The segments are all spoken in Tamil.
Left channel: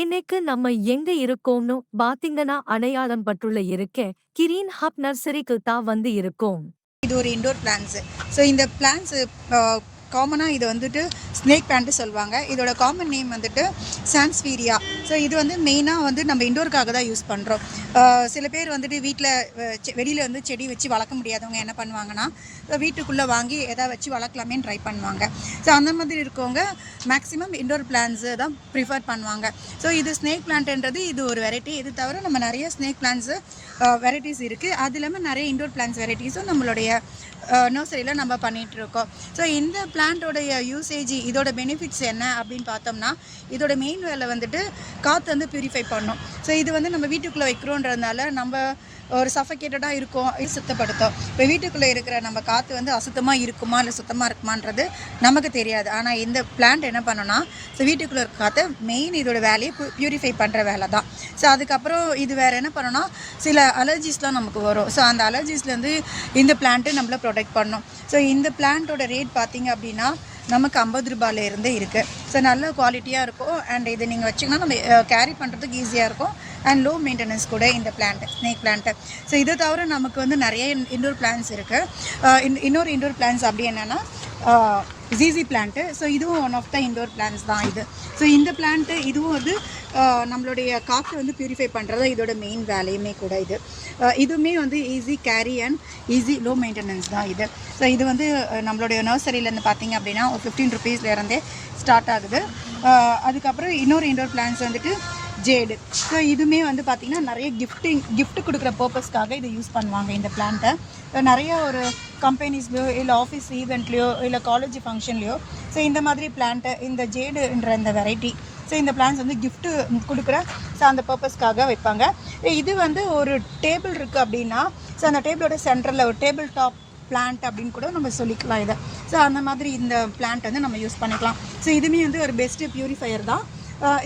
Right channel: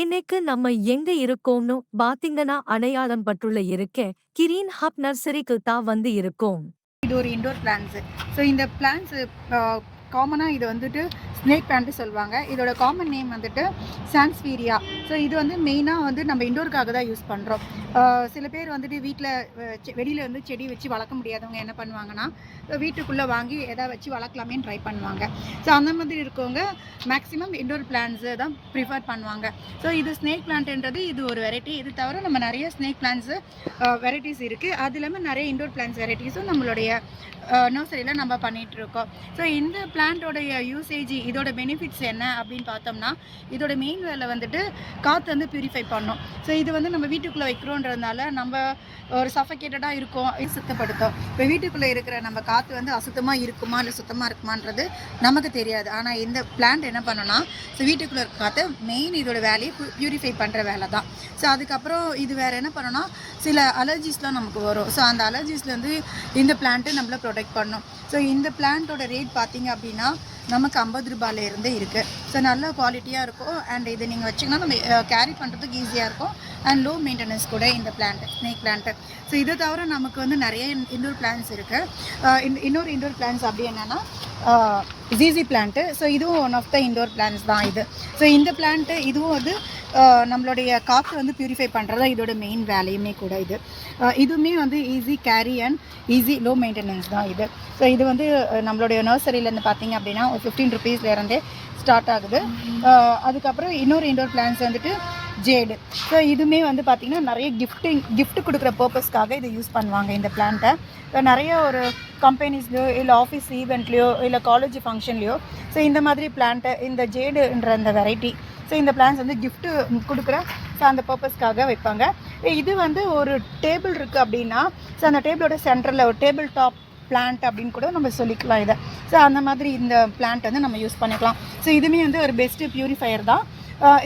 இன்னைக்கு நம்ம எங்க இருக்கோம்னு பாத்தீங்கன்னா அடையாளம் பட்டுள்ள இருக்க கிரீன் ஹப் நர்சரிக்கு தான் வந்து இருக்கோம். இது ஒரு இண்டோர் பிளான்ஸு. ஸோ இந்த பிளான்ஸு காமனாக இது வந்துட்டு ஸ்னேக் பிளான்ட்டு சொல்லுவாங்க. இதோட காமன் நேம் வந்துட்டு சான்ஸ்வீரியா. ஸோ இது வந்து மெயினாக வந்து நம்ம இண்டோருக்காக தான் யூஸ் பண்ணுறோம். சில பேர் வந்துட்டு வீட்டில் வெளியில் வந்து செடி வச்சு வளர்க்க முடியாதவங்க என்ன பண்ணுவாங்கன்னா, வீட்டுக்குள்ளே வாங்கி எதாவது வச்சு வளர்க்கலாமேன்னு ட்ரை பண்ணுவாங்க. ஸோ அந்த மாதிரி இருக்கவங்க மேக்ஸிமம் இண்டோர் பிளான்ஸு தான் ப்ரிஃபர் பண்ணுவாங்க. ஸோ இது ஸ்னேக் பிளான்ட்ன்றது இது ஒரு வெரைட்டி. இது தவிர நம்ம நிறைய ஸ்னேக் பிளான்ஸு வெரைட்டிஸ் இருக்குது. அது இல்லாமல் நிறைய இண்டோர் பிளான்ஸ் வெரைட்டிஸும் நம்மளுடைய நர்சரியில் நம்ம பண்ணிகிட்ருக்கோம். ஸோ இந்த பிளான்ட்டோடைய யூசேஜ் இதோட பெனிஃபிட்ஸ் என்ன அப்படின்னு பார்த்தோம்னா, இதோட மெயின் வேலை வந்துட்டு காற்று வந்து பியூரிஃபை பண்ணும். ஸோ இது வந்து நம்ம வீட்டுக்குள்ளே வைக்கிறோன்றதுனால நம்ம ஒரு சஃபகேட்டடாக இருக்கும், சுத்தப்படுத்தும். இப்போ வீட்டுக்குள்ளே இருக்கிற நம்ம காற்று வந்து அசுத்தமாக இருக்குமா இல்லை சுத்தமாக இருக்குமான்றது நமக்கு தெரியாது. ஆனால் இந்த பிளான்ட் என்ன பண்ணுன்னா, ஸோ வீட்டுக்குள்ளே இருக்க காற்று மெயின் இதோட வேலையை பியூரிஃபை பண்ணுற வேலை தான். ஸோ அதுக்கப்புறம் இது வேறு என்ன பண்ணணும்னா, சில அலர்ஜிஸ்லாம் நமக்கு வரும். ஸோ அந்த அலர்ஜிஸ்லேருந்து இந்த பிளான்ட்டு நம்மளை ப்ரொடெக்ட் பண்ணும். ஸோ இந்த பிளான்ட்டோட ரேட் பார்த்திங்க அப்படின்னா நமக்கு 50 ரூபாயிலேருந்து இருக்குது. ஸோ நல்ல குவாலிட்டியாக இருக்கும். அண்ட் இது நீங்கள் வச்சிங்கன்னா நம்ம கேரி பண்ணுறதுக்கு ஈஸியாக இருக்கும். அண்ட் லோ மெயின்டெனன்ஸ் கூட இந்த பிளான்ட்டு, ஸ்னேக் பிளான்ட்டு. ஸோ இதை தவிர நமக்கு வந்து நிறைய இண்டோர் பிளான்ஸ் இருக்குது. இன்னொரு இண்டோர் பிளான்ஸ் அப்படி என்னென்னா ஜிசி பிளான்ட்டு. ஸோ இதுவும் one of the indoor plants தான் இது. ஸோ இந்த பிளான்ட்டு இதுவும் வந்து நம்மளுடைய காற்று வந்து பியூரிஃபை பண்ணுறது இதோட மெயின் வேலையுமே கூட இது. இதுவுமே வந்து easy carry and easy low maintenance தான் இது. ஸோ இது வந்து நம்மளுடைய நர்சரியிலேருந்து பார்த்திங்க அப்படின்னா ஒரு 15 ருபீஸ்லேருந்தே ஸ்டார்ட் ஆகுது. அதுக்கப்புறம் இன்னொரு இண்டோர் பிளான்ஸ் வந்துட்டு ஜேடு. ஸோ இதுவுமே வந்து பார்த்திங்கன்னா நிறைய கிஃப்ட் கொடுக்குற பர்பஸ்க்காக இதை யூஸ் பண்ணுவாங்க இந்த பிளான்ட்டை. நிறைய ஒரு கம்பெனிஸ்லையோ இல்லை ஆஃபீஸ் ஈவெண்ட்லேயோ இல்லை காலேஜ் ஃபங்க்ஷன்லேயோ ஸோ இந்த மாதிரி பிளான்ட்டு, இந்த ஜேடுன்ற அந்த வெரைட்டி, ஸோ இந்த பிளான்ஸ் வந்து கிஃப்ட்டு கொடுக்குற ஸோ அந்த பர்பஸ்க்காக வைப்பாங்க. இது வந்து ஒரு டேபிள் இருக்குது அப்படின்னா, ஸோ அந்த டேபிளோட சென்டரில் ஒரு டேபிள் டாப் பிளான்ட் அப்படின்னு கூட நம்ம சொல்லிக்கலாம் இதை. ஸோ அந்த மாதிரி இந்த பிளான்ட் வந்து நம்ம யூஸ் பண்ணிக்கலாம். ஸோ இதுவுமே வந்து ஒரு பெஸ்ட்டு பியூரிஃபையர் தான்.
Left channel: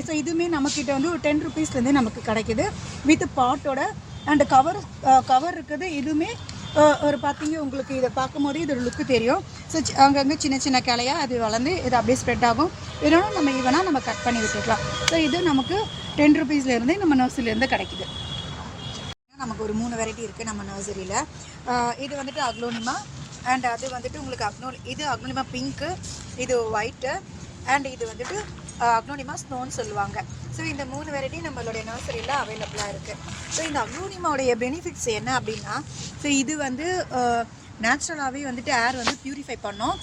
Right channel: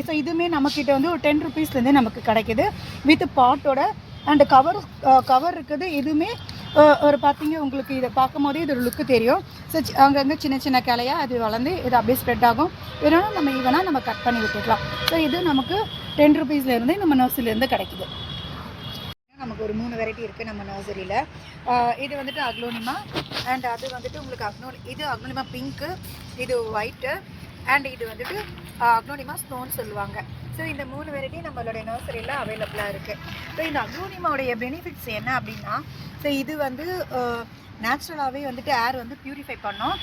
ஸோ இதுவுமே நம்மக்கிட்ட வந்து ஒரு 10 ருபீஸ்லேருந்தே நமக்கு கிடைக்கிது வித் பாட்டோட. அண்டு கவர் இருக்குது. இதுவுமே ஒரு பார்த்திங்க உங்களுக்கு இதை பார்க்கும் போதே இதோட லுக்கு தெரியும். ஸோ அங்கங்கே சின்ன சின்ன கிளையாக அது வளர்ந்து இது அப்படியே ஸ்ப்ரெட் ஆகும். இதனால் நம்ம ஈவனாக நம்ம கட் பண்ணி விட்டுக்கலாம். ஸோ இது நமக்கு 10 ருபீஸ்லேருந்தே நம்ம நர்சரிலேருந்து கிடைக்குது. நமக்கு ஒரு 3 வெரைட்டி இருக்குது நம்ம நர்சரியில். இது வந்துட்டு அக்லோனிமா. அண்ட் அது வந்துட்டு உங்களுக்கு இது அக்லோனிமா பிங்க்கு, இது ஒயிட்டு, அண்ட் இது வந்துட்டு அக்லோனிமா ஸ்னோன்னு சொல்லுவாங்க. ஸோ இந்த 3 வெரைட்டி நம்மளுடைய நர்சரியில் அவைலபிளாக இருக்குது. ஸோ இந்த அக்லோனிமாவுடைய பெனிஃபிட்ஸ் என்ன அப்படின்னா, ஸோ இது வந்து நேச்சுரலாகவே வந்துட்டு ஏர் வந்து பியூரிஃபை பண்ணோம்.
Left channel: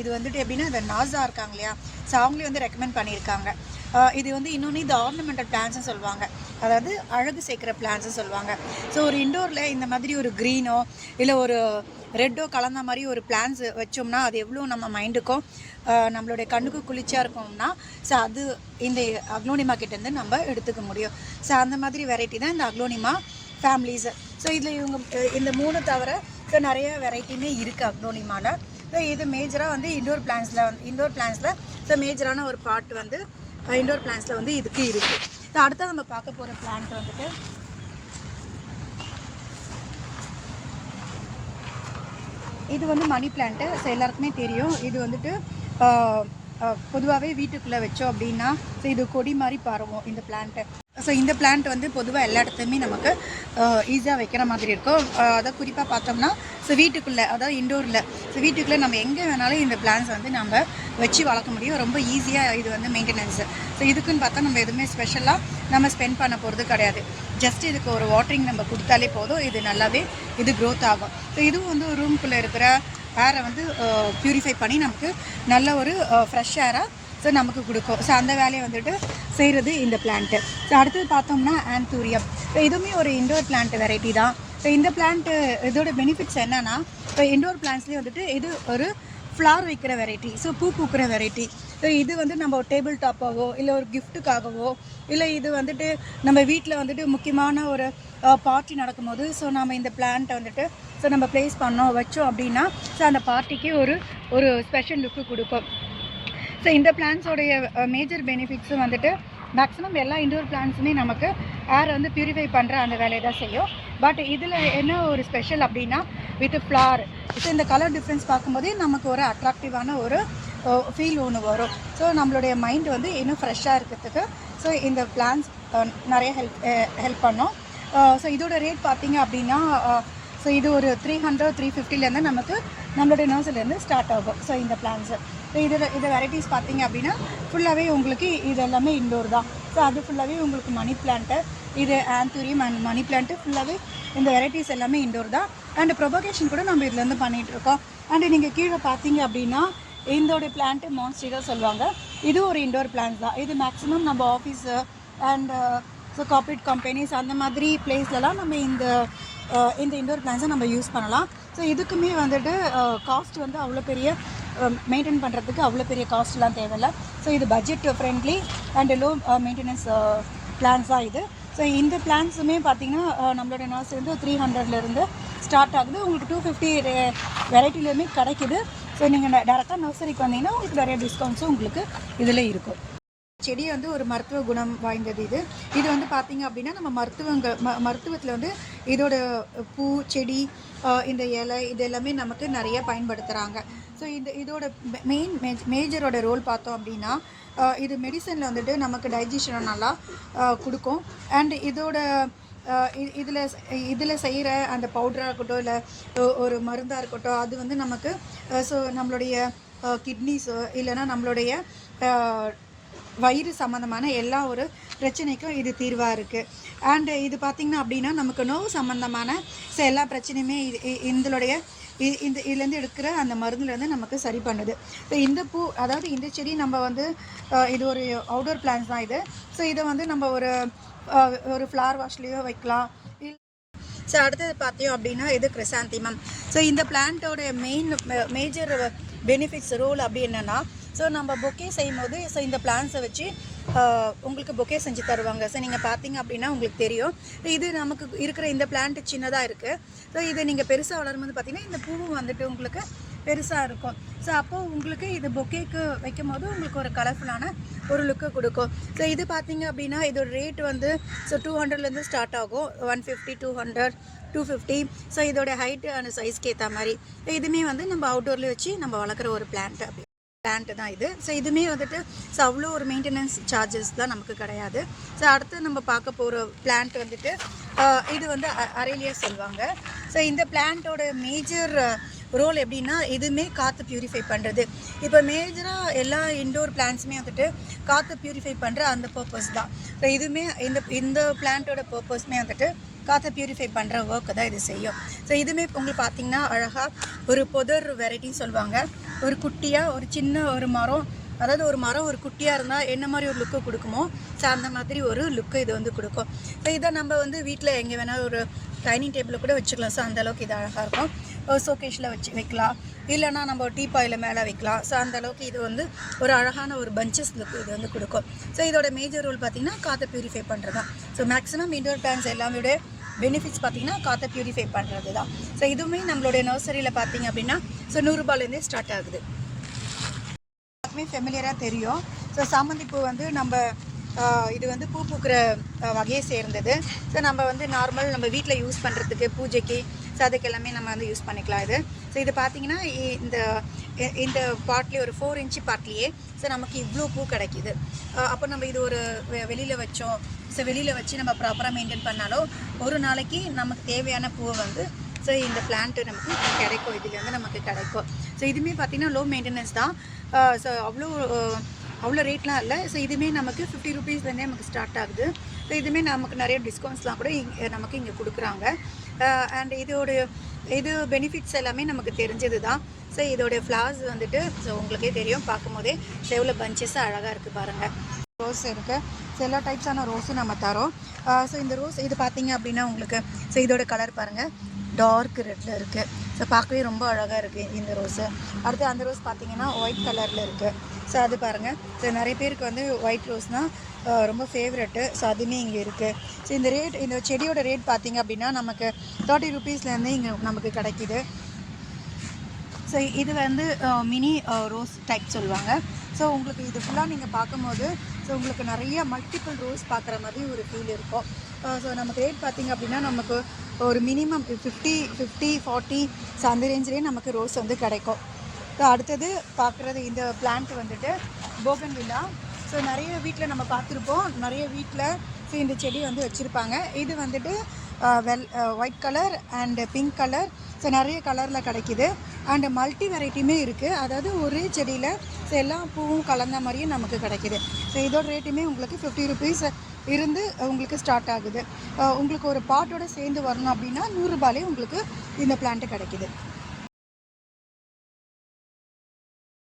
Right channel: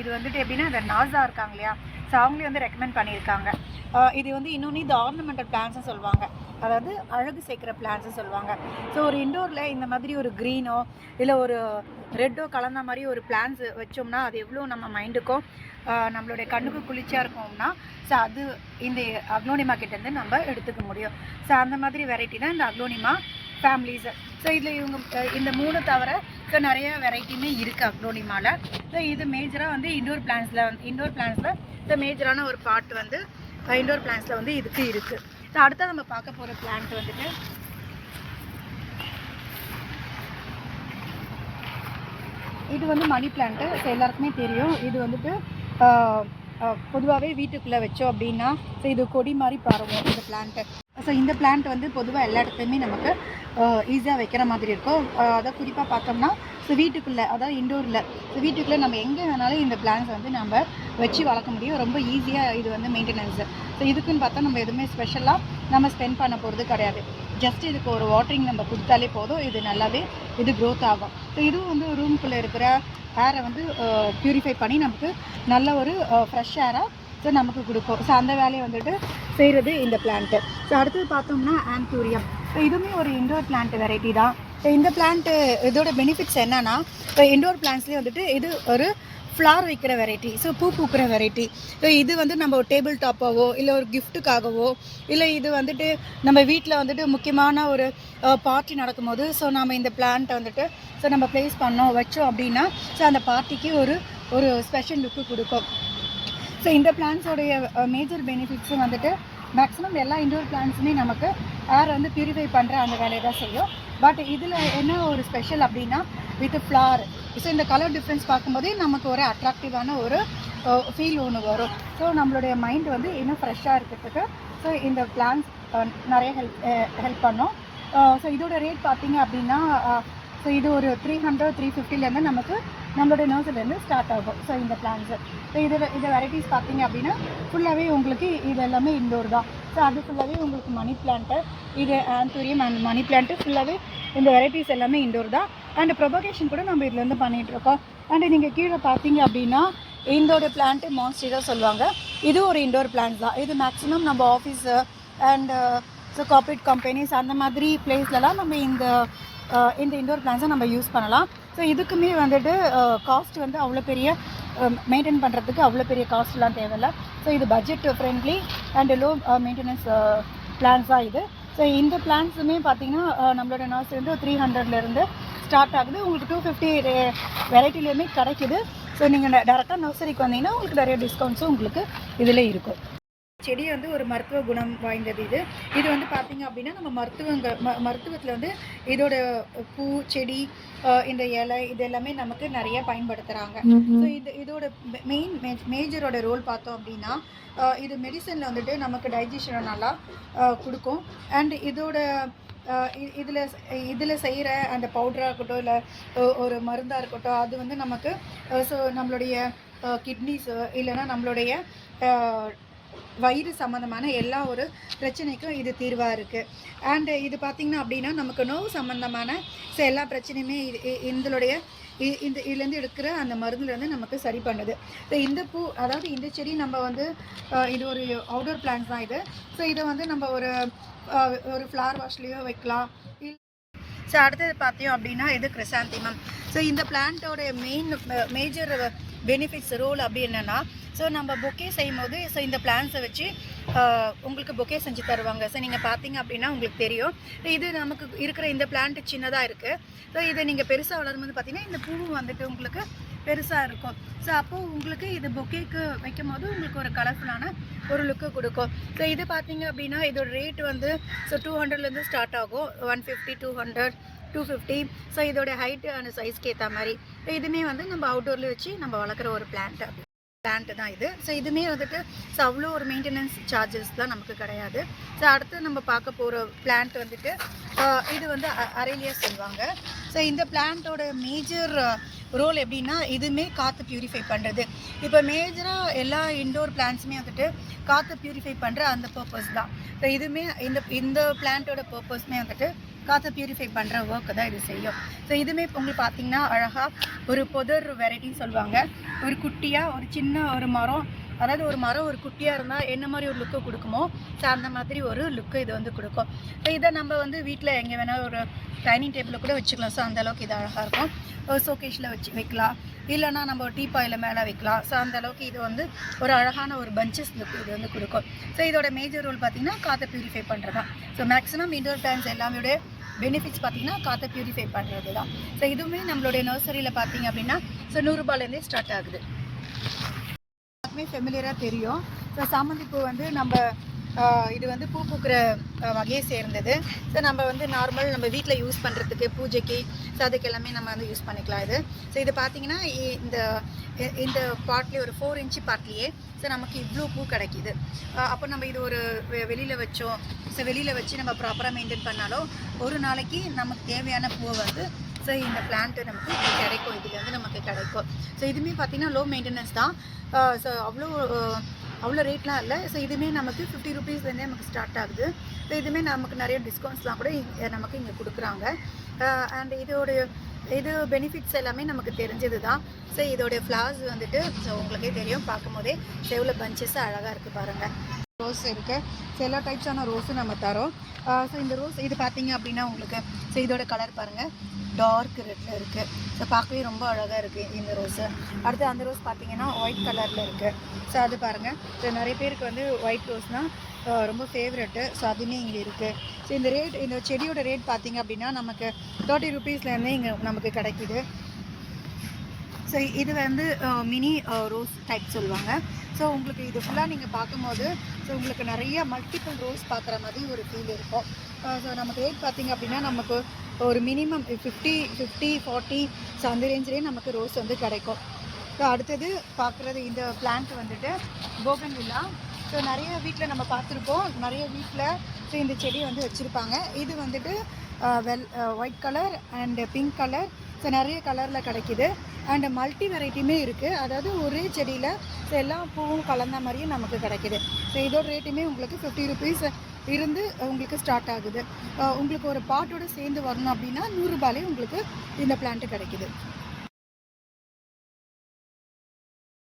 இது வந்துட்டு எப்படின்னா இந்த நாசா இருக்காங்க இல்லையா, ஸோ அவங்களே வந்து ரெக்கமெண்ட் பண்ணியிருக்காங்க. இது வந்து இன்னொன்று இந்த ஆர்னமெண்டல் பிளான்ட்ஸும் சொல்லுவாங்க, அதாவது அழகு சேர்க்குற பிளான்ட்ஸும் சொல்லுவாங்க. ஸோ ஒரு இண்டோரில் இந்த மாதிரி ஒரு க்ரீனோ இல்லை ஒரு ரெட்டோ கலந்த மாதிரி ஒரு பிளான்ஸ் வச்சோம்னா அது எவ்வளோ நம்ம மைண்டுக்கும் நம்மளுடைய கண்ணுக்கு குளிர்ச்சியாக இருக்கும்னா, ஸோ அது இந்த அக்லோனிமா கிட்டேருந்து நம்ம எடுத்துக்க முடியும். ஸோ அந்த மாதிரி வெரைட்டி தான் இந்த அக்லோனிமா ஃபேமிலிஸ். ஸோ இதில் இந்த 3 தவிர ஸோ நிறைய வெரைட்டியுமே இருக்குது அக்லோனிமாவில். ஸோ இது மேஜராக வந்து இண்டோர் பிளான்ஸில் ஸோ மேஜரான ஒரு பார்ட் வந்து இண்டோர் பிளான்ஸில் வந்து இதுக்கு இருக்குது. ஸோ அடுத்த நம்ம பார்க்க போகிற பிளான்ட் வந்துட்டு இது வந்து மணி பிளான்ட்டு. ஸோ எல்லாருக்குமே தெரியும். இது வந்துட்டு பொதுவாகவே வீட்டுக்குள்ளே வச்சோம் அப்படின்னா ஸோ இது கொடி மாதிரி பரவும் இந்த பிளான்ட்டு. ஸோ இந்த பிளான்ட் வந்து பொதுவாக எல்லா இடத்துலையுமே நமக்கு ஈஸியாக வைக்கிற மாதிரி இருக்கும். அதை குறிப்பாக பார்த்தோம்னா ஸோ வீட்டுக்குள்ளே, அதாவது இண்டோரில், ஸோ வீட்டுக்குள்ளே நம்ம எங்கே வேணாலும் இந்த பிளான்ஸ் வந்து நம்ம வச்சு வளர்க்க முடியும். ரொம்ப ஈஸியாக இது வந்து மெயின்டெனன்ஸு. ஸோ இதுக்குன்னு பார்த்தா நம்ம எதுவுமே ஸ்பெஷலாக நம்ம ஸ்பெண்ட் பண்ண போகிறது கிடையாது. ஜஸ்ட் இதுக்கு ஒரு வாட்டரிங் நம்ம கொடுத்தாலே போதும், இது நல்லாவே இது க்ரோத் ஆகும். ஸோ இதுவும் வந்து ரூம்குள்ளே இருக்கிற ஏரை வந்து ப்யூரிஃபை பண்ணி நமக்கு நல்ல ஒரு ஃப்ரெஷ் ஏராக ஸோ நமக்கு கொடுக்கும். ஸோ அந்த வேலையை வந்துட்டு செய்கிறது இந்த பிளான்ட்டு. ஸோ அடுத்தது பார்த்தோம்னா ஆன்தூரியம். ஸோ இதுவுமே ஒரு இண்டோர் பிளான்ட் வெரைட்டி தான். ஸோ இந்த பிளான்ட்டு இதோட பெனிஃபிட்ஸ் என்னென்னா, இப்போ இண்டோர் பிளான்ட்ஸ்லேயே வந்துட்டு இது ஒரு ஃப்ளார் வைக்கிற வெரைட்டி, ஸோ பூ பூக்கிற வெரைட்டி. ஸோ இது வந்து நம்ம டேபிள் டாப்பாவோ இல்லை ஒரு கிஃப்ட்டுக்காகவோ இல்லை இது வந்துட்டு நம்ம வீட்டில் வந்துட்டு முக்கியமான ஒரு பார்ட்டி நடக்கும்போது ஸோ நம்ம இந்த பிளான்ட்டை வந்துட்டு ஸோ நம்ம ப்ளேஸ் பண்ணோம் வச்சோம் அப்படின்னா ஸோ அந்த பார்ட்டிக்கு ஒரு ஸ்பெஷல் லுக்கு கொடுக்கும். ஸோ இந்த பிளான்ஸோடைய மேஜர் பெனிஃபிட்ஸும் வந்துட்டு மேக்ஸிமம் எல்லா இண்டோர் பிளான்ஸுமே நமக்கு ஏரை வந்து பியூரிஃபை பண்ணுற அந்த வேலையை தான் செய்யும். பட் இதில் என்ன ஒரு ஸ்பெஷல் அப்படின்னா வித் ஃப்ளார். ஸோ இந்த கலர் டிஃப்ரென்ஸ் பார்க்கும்போதே நமக்கு ஒரு அட்ராக்டிவான ஒரு ஃபீல் ஒன்று வரும். ஸோ நம்மளுடைய மைண்ட் வந்து இன்னும் ஃப்ரெஷ்ஷாக இருக்கிறதுக்கு ஸோ இந்த பிளான்ஸ் நிறைய ஹெல்ப் பண்ணோம். ஸோ இதோட ரேட் பார்த்தீங்க அப்படின்னா ஸோ இது ஒரு 300-350லேருந்து நமக்கு நம்மளுடைய நர்சரிலேருந்து ஸ்டார்ட் ஆகும். ஸோ இந்த பிளான்ஸு ஸோ இதை வெரைட்டிஸ் பார்த்தீங்க அப்படின்னா ஃபுல்லாகவே உங்களுக்கு இது எல்லாமே இண்டோர் தான். ஸோ அது ஃபுல்லாகவே உங்களுக்கு மணி பிளான்ட்டு, இது ஆந்தூரியம் அண்ட் மணி பிளான்ட்டு ஃபுல்லாகவே இந்த வெரைட்டிஸ் எல்லாமே இண்டோர் தான். அண்ட் ப்ரொபகேஷன் கூட நம்ம இதுலேருந்து பண்ணிகிட்ருக்கோம். அண்டு நீங்கள் கீழே பார்த்தீங்க அப்படின்னா இண்டோர் பிளான்ட்டு மான்ஸ்டீரா சொல்லுவாங்க. இது ஒரு இண்டோர் பிளான்ட் தான். இது மேக்ஸிமம் நம்ம office and so corporate companies அந்த மாதிரி பிளேஸ்லலாம் நம்ம இந்த இண்டோர் பிளான்ஸை நம்ம யூஸ் பண்ணலாம். ஸோ இதுக்குமே வந்துட்டு காஸ்ட் வந்து அவ்வளோ பெரிய மெயின்டைன் பண்ணுறதுக்கு அவ்வளோ பெரிய காஸ்ட்லாம் தேவையில்லை. ஸோ இது budget friendly and low maintenance plants தான் இது. ஸோ இந்த பிளான்ஸுமே பார்த்திங்கன்னா நம்மளோட நர்சரி வந்து 300லேருந்து ஸ்டார்ட் ஆகுது. உங்களுக்கு 250 வெரைட்டிலேயுமே கிடைக்குது. ஸோ நீங்கள் டேரெக்டாக நர்சரிக்கு வந்தீங்கன்னா உங்களுக்கு நிறைய டிஸ்கவுண்ட்ஸும் உங்களுக்கு இதில் இருக்கும். செடி வந்து ஒரு மருத்துவ குணம் வாய்ந்தது. இது வந்து பார்த்திங்க அப்படின்னா நம்ம மருத்துவத்தில் வந்து இதோட பூ செடி இந்த இலை இது எல்லாமே நமக்கு நிறைய பயன்படுத்துகிறாங்க. ஸோ இதோட மேஜரோட ரோல் பார்த்தோம் அப்படின்னா இது மெடிசனில் வந்துட்டு நமக்கு டைஜஷனை நல்லா கொடுக்கும். அண்ட் இதோட இதில் செய்கிற அந்த பவுடராக இருக்கட்டும் இல்லை ஒரு மருந்தாக இருக்கட்டும் அது வந்து நமக்கு ஸோ நம்மளுடைய கிட்னிஸோ இல்லைன்னா நம்மளுடைய வயிறு சம்மந்தமான எல்லா ஒரு பிரச்சனைக்கும் இது தீர்வாக இருக்குது. அண்டு இது பார்த்திங்கன்னா அப்படின்னா நமக்கு நோவு சம்மந்தமான ஸோ எல்லா பிரச்சனையுமே இதுலேருந்து எடுக்கிற அந்த மருந்துலேருந்து நமக்கு சரி பண்ணுது. ஸோ இந்த பூ அதாவது இந்த செடி நம்ம வந்து இது ஒரு அவுடோர் பிளான்ட் தான் இது. ஸோ இதை வந்து நம்ம ஒரு ஃப்ளவர் வாஷ்லேயோ வைக்கலாம். ஸோ அடுத்தது பார்த்தோம் அப்படின்னா இது கிரிசாந்திமம். ஸோ இந்த பிளான்ட்டோட மேஜர் பெனிஃபிட்ஸ் ரோல் அப்படி என்னென்னா ஸோ நம்ம பொக்கே செய்யும் போது ஸோ இந்த பிளான்ஸை வச்சு உங்களுக்கு பொக்கே செஞ்சு தருவாங்க. ஸோ நீங்கள் பார்த்தீங்க அப்படின்னா உங்களுக்கு தெரியும் இது நமக்கு இருக்கிற இந்த பிளான்ட்டு சின்னதாக இருக்குது. ஸோ இதை நீங்கள் பெருசாக வளரும்போது பார்த்தீங்கன்னா இந்த பூவும் வந்துட்டு உங்களுக்கு பெருசாக இருக்கும். ஸோ அப்போது உங்களுக்கு இது பொக்கேக்கு வைக்கும் போது உங்களுக்கு ஒரு கலர்ஃபுல்லான ஒரு லுக்கு கொடுக்கும். ஸோ இது பார்த்தீங்க அப்படின்னா இதோட ரேட் வந்து ஸோ 200லேருந்து ஸ்டார்ட் ஆகும். 150, 200, 250. ஸோ இதோட ஹைட்டு அந்த சைஸ்க்கு ஏற்ற மாதிரி இதுவுமே வந்து நம்ம அவுட்டோரில் வச்சு நம்ம வளர்க்குற ஒரு பிளான்ட்டு தான் இது. ஸோ இதுவுமே வந்துட்டு ஸோ அவ்வளோ ஒரு மெயின்டெனன்ஸ் சார்ஜஸ் தான் நமக்கு கிடையாது. ஸோ அடுத்து நம்ம பார்க்க போகிற பிளான்ட் வந்துட்டு இது வந்து அரேலியா சொல்லுவாங்க. ஸோ இந்த பிளான்ட்டோட மேஜர் ரோல் எப்படின்னா இதுவுமே காற்று ப்யூரிஃபை பண்ணுறது. இப்போ மேஜராக எல்லா இண்டோர் பிளான்ட்ஸுமே வந்துட்டு காற்று ப்யூரிஃபை பண்ணுற அந்த பர்பஸ் தான். ஸோ இதுவுமே இந்த பிளான்ட்டோட பர்பஸ்மே வந்துட்டு காற்றை ப்யூரிஃபை பண்ணுற ஒர்க்கு தான் இது செய்யும். ஸோ இதுவுமே உங்களுக்கு பார்த்திங்கன்னா அழகாக ஒரு புதர் வெரைட்டி சொல்லுவாங்க. ஒரு குட்டியாக ஒரு சின்ன ஒரு மரம், அதாவது ஒரு மரம் ஒரு குட்டியாக இருந்தால் என்ன மாதிரி ஒரு லுக்கு கொடுக்குமோ ஸோ அந்த மாதிரி ஒரு லுக்கு இது வந்து கொடுக்கும். ஸோ இதை நம்ம வந்து வீட்டில் எங்கே வேணாலும் ஒரு டைனிங் டேபிளில் கூட வச்சுக்கலாம். ஸோ அந்தளவுக்கு இது அழகாக இருக்கும். ஷோகேஷில் வைக்கலாம், இல்லைனா நம்ம டீ பாயில் மேலே வைக்கலாம். ஸோ அந்தளவுக்கு இது வந்து ஒரு அழகான ஒரு பஞ்சஸ் லுக் இது வந்து கொடுக்கும். ஸோ இதோட மேஜர் ரோல் பார்த்திங்கன்னா காற்றை ப்யூரிஃபை பண்ணுறது தான். ஸோ மேக்ஸிமம் இண்டோர் பிளான்ஸ் எல்லாமே பெனிஃபிட்ஸ் பார்த்திங்கன்னா காற்றை ப்யூரிஃபை பண்ணுறது தான். ஸோ இதுவுமே நம்மளுடைய நர்சரியில் பார்த்திங்க அப்படின்னா ஸோ 100 ரூபாயிலேருந்தே ஸ்டார்ட் ஆகுது. எல்லாருக்குமே ஃபெமிலியராக தெரியும். ஸோ சாமந்தி பூ வந்து நம்ம இது வந்து பூ பூக்கிற வகையை சேர்ந்தது. ஸோ நம்ம வந்து நார்மல் நம்ம வீட்டில் யூஸ் பண்ணுறதுக்கு பூஜைக்கு ஸோ அதுக்கு எல்லாமே நம்ம வந்து யூஸ் பண்ணிக்கலாம் இது. ஸோ இது பார்த்திங்கன்னா இந்த பாட்லேயே ஒரு 4 இன்ச்சு பாட்லேயே ஸோ நமக்கு இவ்வளோ பூ கிடைக்கிது. அப்போ நம்ம இது ஒரு வெளியில் வச்சோம். ஸோ வெளியில் வச்சு நம்ம ப்ராப்பராக மெயின்டைன் பண்ணாலும் ஒரு நாளைக்கு நமக்கு தேவையான பூவை வந்து ஸோ இந்த பிளான்ட்டு நமக்கு கிடைக்கும். இதுலேருந்து நமக்கு கிடைக்கும். ஸோ இதுவுமே பார்த்திங்கன்னா லோ மெயின்டெனன்ஸ் தான். ஸோ அவ்வளோ ரேட்லாம் இல்லை. ஸோ இதுவுமே நமக்கு 50 ரூபீஸ்லேருந்தே நமக்கு ஸ்டார்ட் ஆகுது. ஸோ இதுவுமே நமக்கு நிறைய டிஸ்கவுண்ட்ஸ்லாம் கூட நமக்கு இங்கே கொடுக்குறாங்க. அண்ட் இது பெனிஃபிட்ஸ் எல்லாமே நமக்கு தெரிஞ்சது தான். ஸோ இதோடைய ஃப்ளார்ஸ் வந்துட்டு ஸோ உங்களுக்கே தெரியும், பார்க்கும் போதே செவ்வில் பஞ்சஸாக அழகாக இருக்குது பாருங்கள். ரோஸ் இருக்குது. ஸோ எல்லா டைப்ஸான ரோஸும் நம்ம தரோம். ஸோ இந்த ரோஸ் இது பார்த்திங்க அப்படின்னா உங்களுக்கு ஸோ இதோட கலர் பாருங்கள், டார்க் ரெட்டில் இருக்குது. ஸோ பார்க்கவே ரொம்ப அழகாக இருக்குது இந்த ரோஸு. அடுத்து அந்த ரோஸ் பார்த்திங்கன்னா ஒயிட் கலரில் இருக்குது. ஸோ அது பாருங்கள். ஸோ நிறைய பேருக்கு வந்து ஒயிட் ரோஸ்னால் ரொம்ப ஃபேவரெட்டு. ஸோ அதுவுமே இங்கே இருக்குது. ஸோ இந்த செடியோட ரேட் பார்த்திங்க அப்படின்னா நமக்கு 30 ரூபீஸ்லேருந்து இங்கே நமக்கு கிடைக்கிது. ஸோ இது வந்து மினி ரோஸ் டைப் சொல்லுவாங்க. ஸோ உங்களுக்கு இது ஃபுல்லாக நீங்கள் பார்க்கும்போது ஸோ உங்களுக்கு நிறைய மல்டிபிள் ரோஸ் பார்க்குற மாதிரி ஒரு ஃபீல் இருக்கும். ஸோ நமக்கு ரேட் பார்த்திங்க அப்படின்னா நமக்கு ஒரு மினிமம் 50, 40 ஸோ அந்த ரேஞ்சிலே நமக்கு ரோஸ் வந்து கிடைக்கும். ஸோ அடுத்தது பார்க்குறது இந்த பிளான்ட் வந்துட்டு போகன்வில்லா. ஸோ நிறைய வீட்டில் நம்ம பார்த்துருப்போம், நிறைய வீட்டில் ஸோ இந்த செடி வந்து வச்சுருப்பாங்க. இது வந்துட்டு white colour and pink colour, so நிறைய கலரில் கிடைக்கிது. அண்டு மல்டி வெரைட்டியுமே இருக்குது. அதாவது ஒரே செடியில் ஸோ எல்லா பூவும் கலந்த மாதிரியும் நமக்கு கிடைக்கிது. ஸோ இதோட ரேட்டுமே உங்களுக்கு 50 ருபீஸ் இருந்து உங்களுக்கு ஸ்டார்ட் ஆகுது. உங்களுக்கு ஒரு பாட்டோட சேர்ந்து வரணும் அப்படின்னா 100 ரூபாயிலே உங்களுக்கு இந்த பிளான்ட்டு கிடைக்கிது.